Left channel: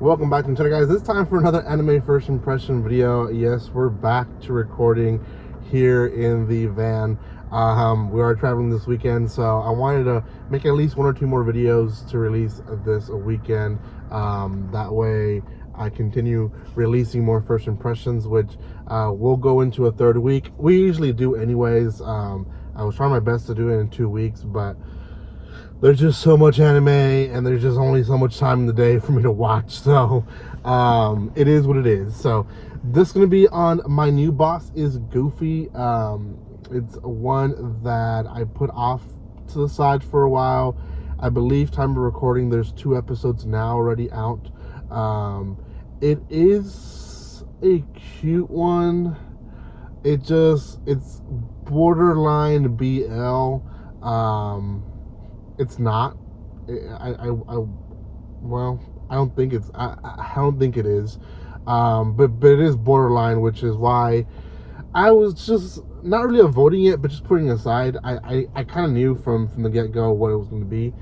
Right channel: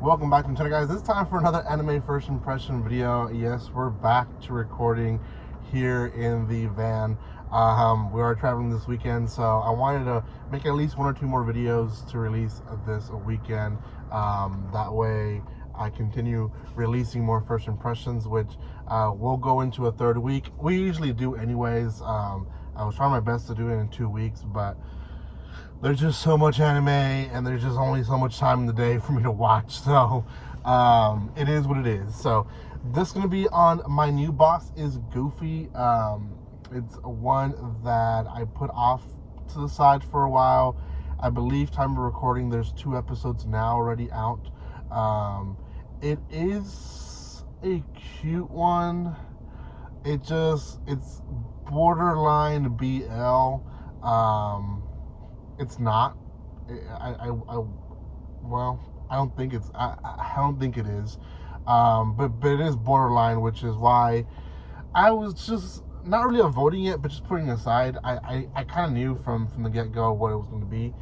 Welcome back to the channel, guys. This time for another anime first impression video. Yes, we're back to recording here in the van. We are traveling this weekend, so I wanted to make at least one or two more videos to release this weekend. That way I continue releasing more first impressions, which we'll go into a third week. We usually do anyways. I was trying my best to do it in 2 weeks, but there's just so much anime and there's just only so much time in the day for me to watch, so it is what it is. So this is going to be on My New Boss is Goofy. It's one that I put off to the side for a while. I believe time of recording there's 2 episodes now already out. It is a cute one. It's borderline BL. It's not. Well, I don't think it's. I don't think it is. But it is borderline, which is why I was just not really avoiding it, but just putting it aside. I kind of knew from the get go what it was going to be.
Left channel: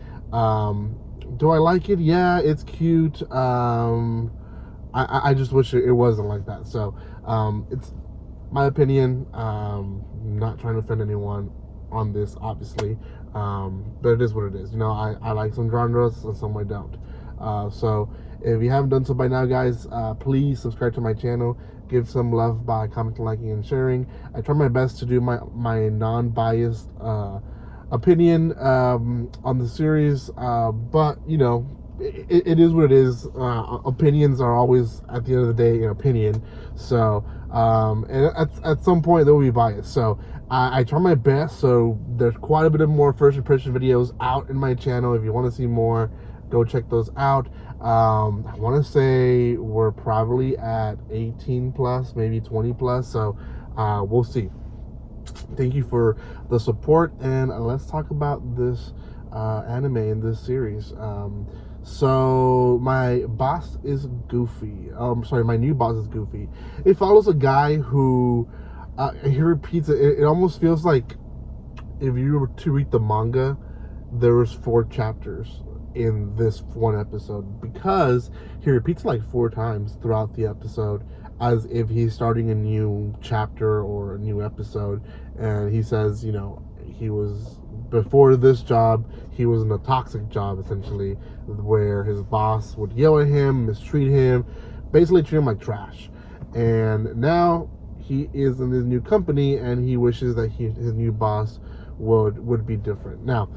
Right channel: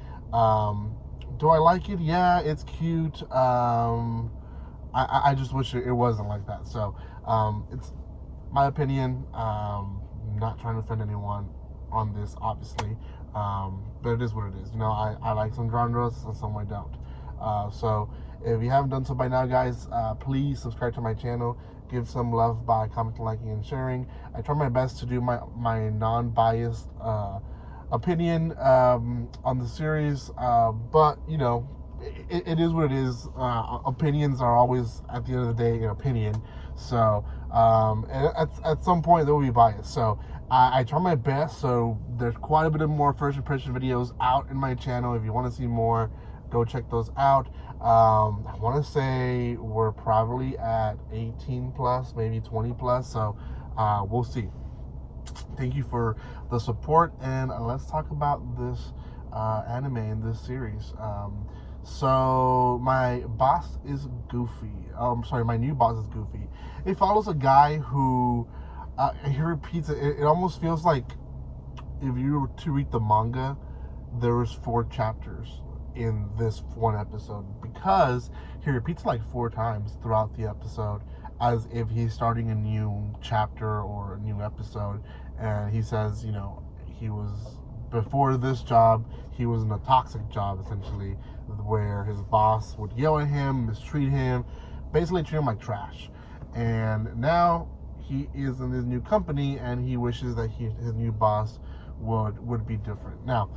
Do I like it? Yeah, it's cute. I just wish it wasn't like that. So it's my opinion. Not trying to offend anyone on this, obviously. But it is what it is. You know, I like some genres and some I don't. So if you haven't done so by now, guys, please subscribe to my channel. Give some love by commenting, liking, and sharing. I try my best to do my non-biased opinion on the series, but you know, it is what it is. Opinions are always, at the end of the day, an opinion. So at some point there will be bias. So I try my best. So there's quite a bit of more first impression videos out in my channel. If you want to see more, go check those out. I want to say we're probably at 18 plus, maybe 20 plus. So we'll see. Thank you for the support, and let's talk about this anime in this series. So my boss is Goofy. My new boss is Goofy. It follows a guy who he repeats it. It almost feels like if you were to read the manga, there was 4 chapters in this one episode, because he repeats it like 4 times throughout the episode, as if he's starting a new chapter or a new episode. And he says, you know, he was, before this job, he was in a toxic job, essentially, where his boss would yell at him, mistreat him, basically treat him like trash. And now he is in his new company, and he wishes that his new boss would be different. Now,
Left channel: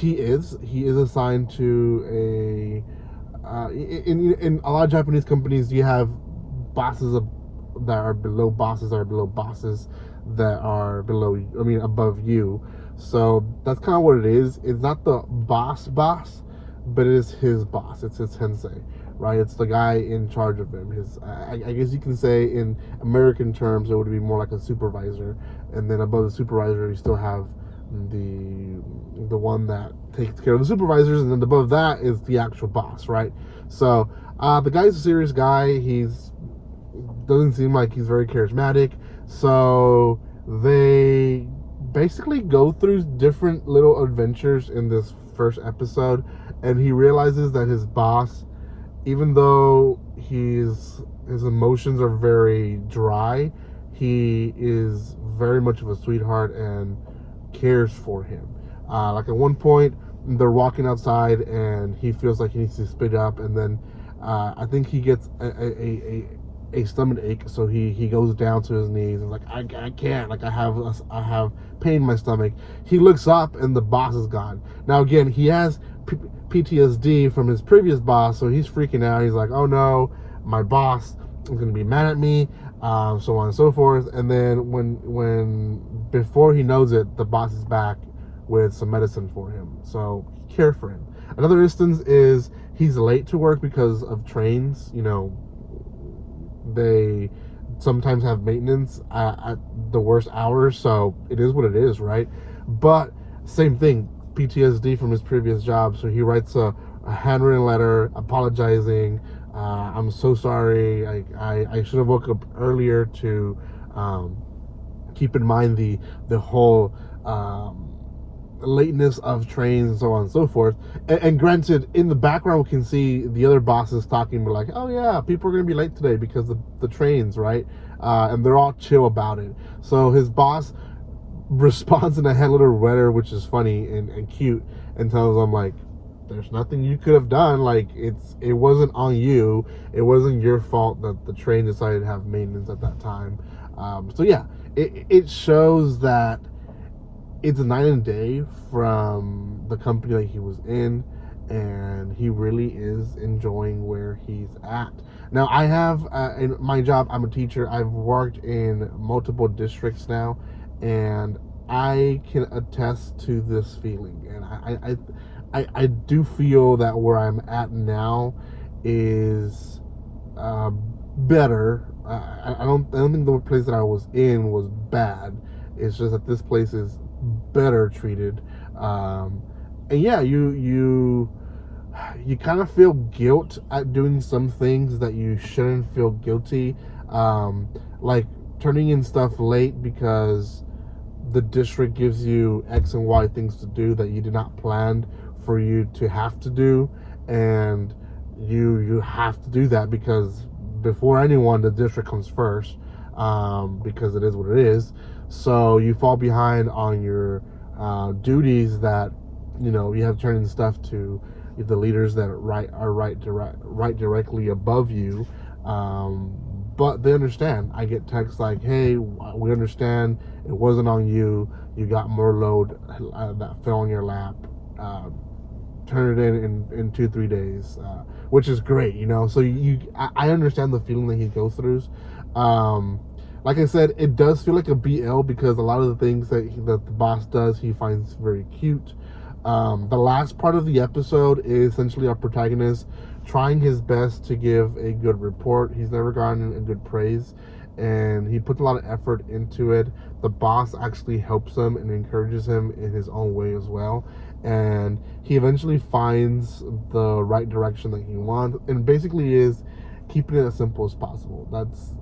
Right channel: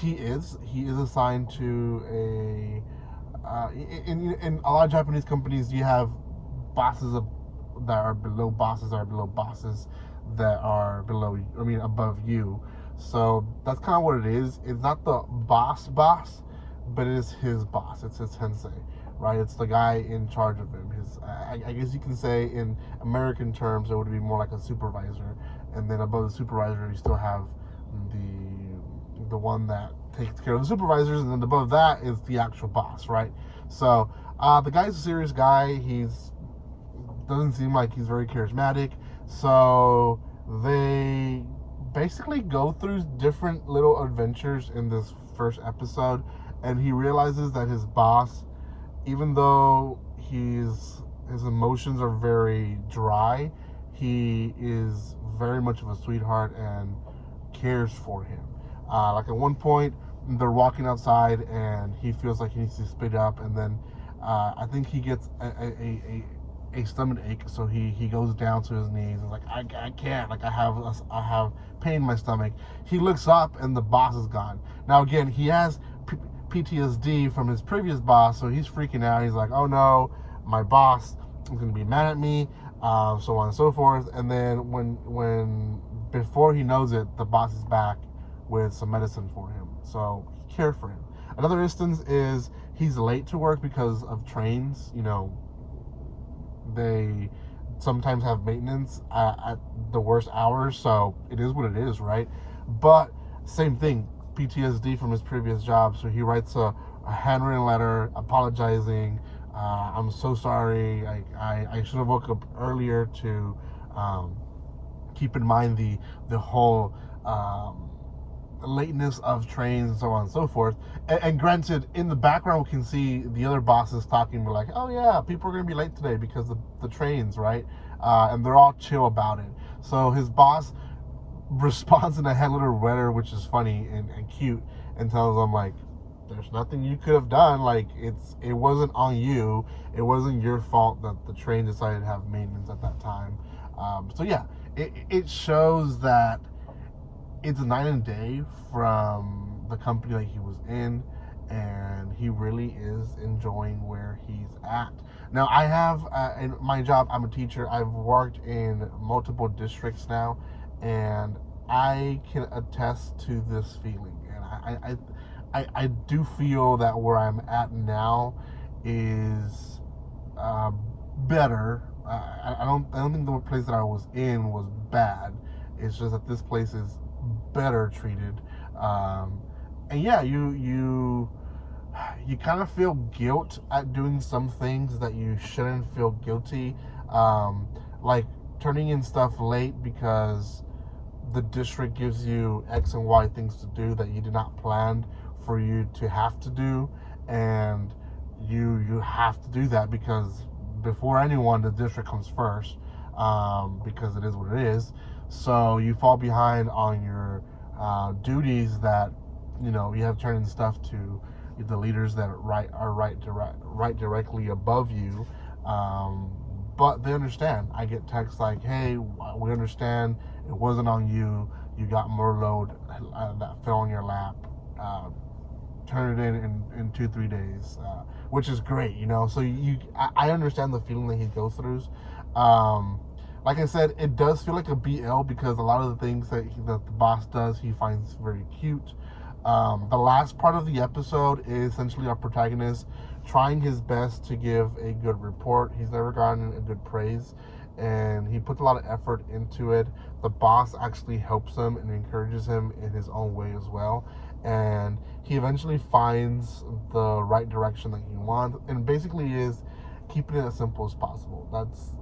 he is assigned to in a lot of Japanese companies, you have bosses that are below bosses that are below bosses that are above you. So that's kind of what it is. It's not the boss, but it is his boss. It's his sensei, right? It's the guy in charge of him. I guess you can say in American terms, it would be more like a supervisor. And then above the supervisor, you still have the one that takes care of the supervisors, and then above that is the actual boss, right? So the guy's a serious guy. Doesn't seem like he's very charismatic. So they basically go through different little adventures in this first episode, and he realizes that his boss, even though his emotions are very dry, he is very much of a sweetheart and cares for him. Like at one point, they're walking outside and he feels like he needs to spit up, and then I think he gets a stomach ache, so he goes down to his knees and like, I can't, like I have pain in my stomach. He looks up and the boss is gone. Now again, he has PTSD from his previous boss, so he's freaking out. He's like, oh no, my boss is gonna be mad at me, so on and so forth. And then when before he knows it, the boss is back with some medicine for him, so care for him. Another instance is he's late to work because of trains. You know, they sometimes have maintenance at the worst hours, so it is what it is, right? But same thing, PTSD from his previous job, so he writes a handwritten letter apologizing. I'm so sorry. I should have woke up earlier to keep in mind the whole lateness of trains and so on and so forth. And granted, in the background, we can see the other bosses talking, like, oh yeah, people are going to be late today because of the trains, right? And they're all chill about it. So his boss responds in a head letter letter, which is funny and cute, and tells him, like, there's nothing you could have done. Like, it wasn't on you. It wasn't your fault that the train decided to have maintenance at that time. So yeah, it shows that it's night and day from the company that he was in, and he really is enjoying where he's at. Now, I have in my job, I'm a teacher. I've worked in multiple districts now, and I can attest to this feeling. And I do feel that where I'm at now is better. I don't think the place that I was in was bad. It's just that this place is better treated. And yeah, you kind of feel guilt at doing some things that you shouldn't feel guilty, like turning in stuff late because the district gives you X and Y things to do that you did not plan for you to have to do, and you have to do that because before anyone, the district comes first, because it is what it is. So you fall behind on your duties that you have to turn in stuff to the leaders that are right directly above you. But they understand. I get texts like, hey, we understand it wasn't on you. You got more load that fell on your lap. Turn it in 2-3 days, which is great, So I understand the feeling that he goes through. Like I said, it does feel like a BL because a lot of the things that the boss does, he finds very cute. The last part of the episode is essentially our protagonist trying his best to give a good report. He's never gotten a good praise, and he puts a lot of effort into it. The boss actually helps him and encourages him in his own way as well, and he eventually finds the right direction that he wants, and basically is keeping it as simple as possible. That's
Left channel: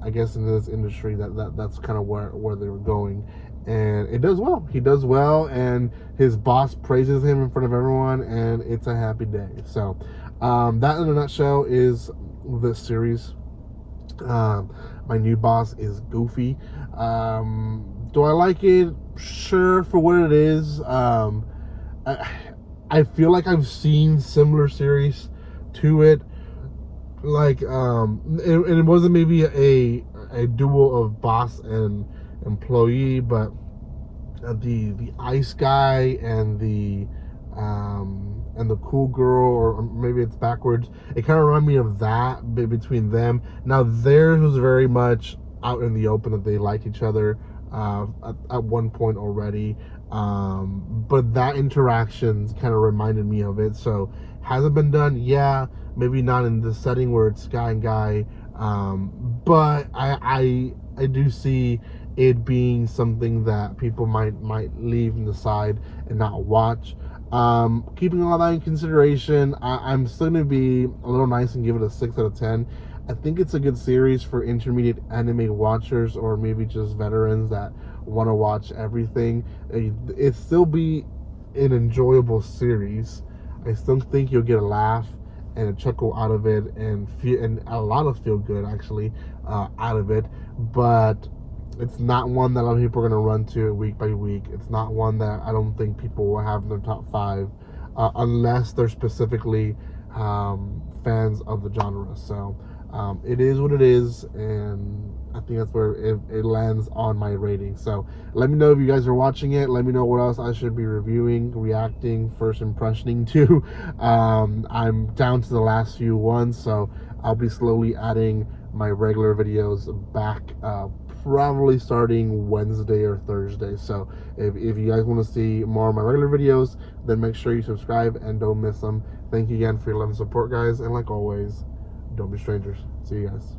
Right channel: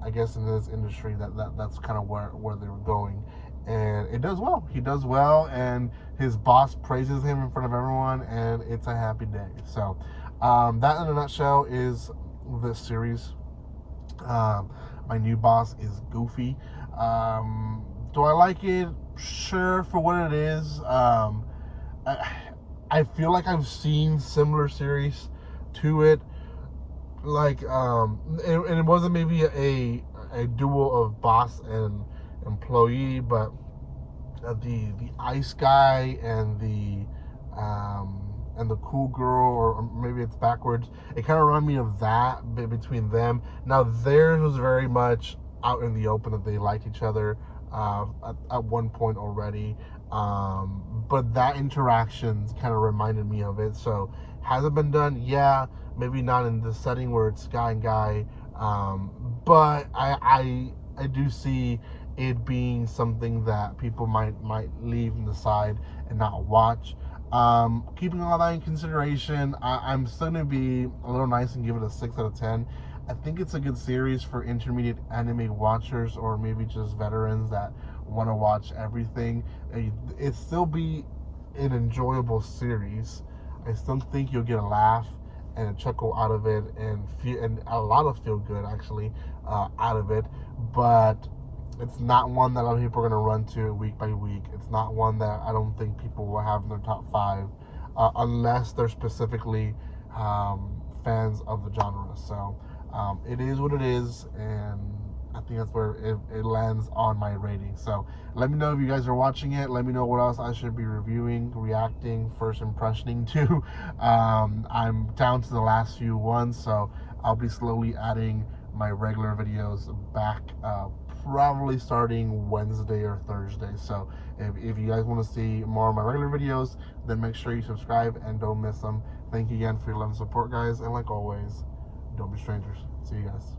I guess in this industry that's kind of where they were going, and it does well. He does well, and his boss praises him in front of everyone, and it's a happy day. So that in a nutshell is this series. My new boss is goofy. Do I like it? Sure, for what it is. I feel like I've seen similar series to it, like and it wasn't maybe a duo of boss and employee, but the ice guy and the cool girl, or maybe it's backwards. It kind of reminded me of that between them. Now theirs was very much out in the open that they liked each other at one point already, but that interaction kind of reminded me of it. So has it been done? Yeah, maybe not in the setting where it's guy and guy, but I do see it being something that people might leave in the side and not watch. Keeping all that in consideration, I'm still going to be a little nice and give it a 6 out of 10. I think it's a good series for intermediate anime watchers, or maybe just veterans that want to watch everything. It still be an enjoyable series. I still think you'll get a laugh and a chuckle out of it, and a lot of feel good actually out of it. But it's not one that a lot of people are going to run to week by week. It's not one that I don't think people will have in their top 5 unless they're specifically fans of the genre. So it is what it is, and I think that's where it lands on my rating. So let me know if you guys are watching it. Let me know what else I should be reviewing, reacting, first impressioning to. I'm down to the last few ones, so I'll be slowly adding my regular videos back, probably starting Wednesday or Thursday. So if you guys want to see more of my regular videos, then make sure you subscribe and don't miss them. Thank you again for your love and support, guys, and like always, don't be strangers. See you guys.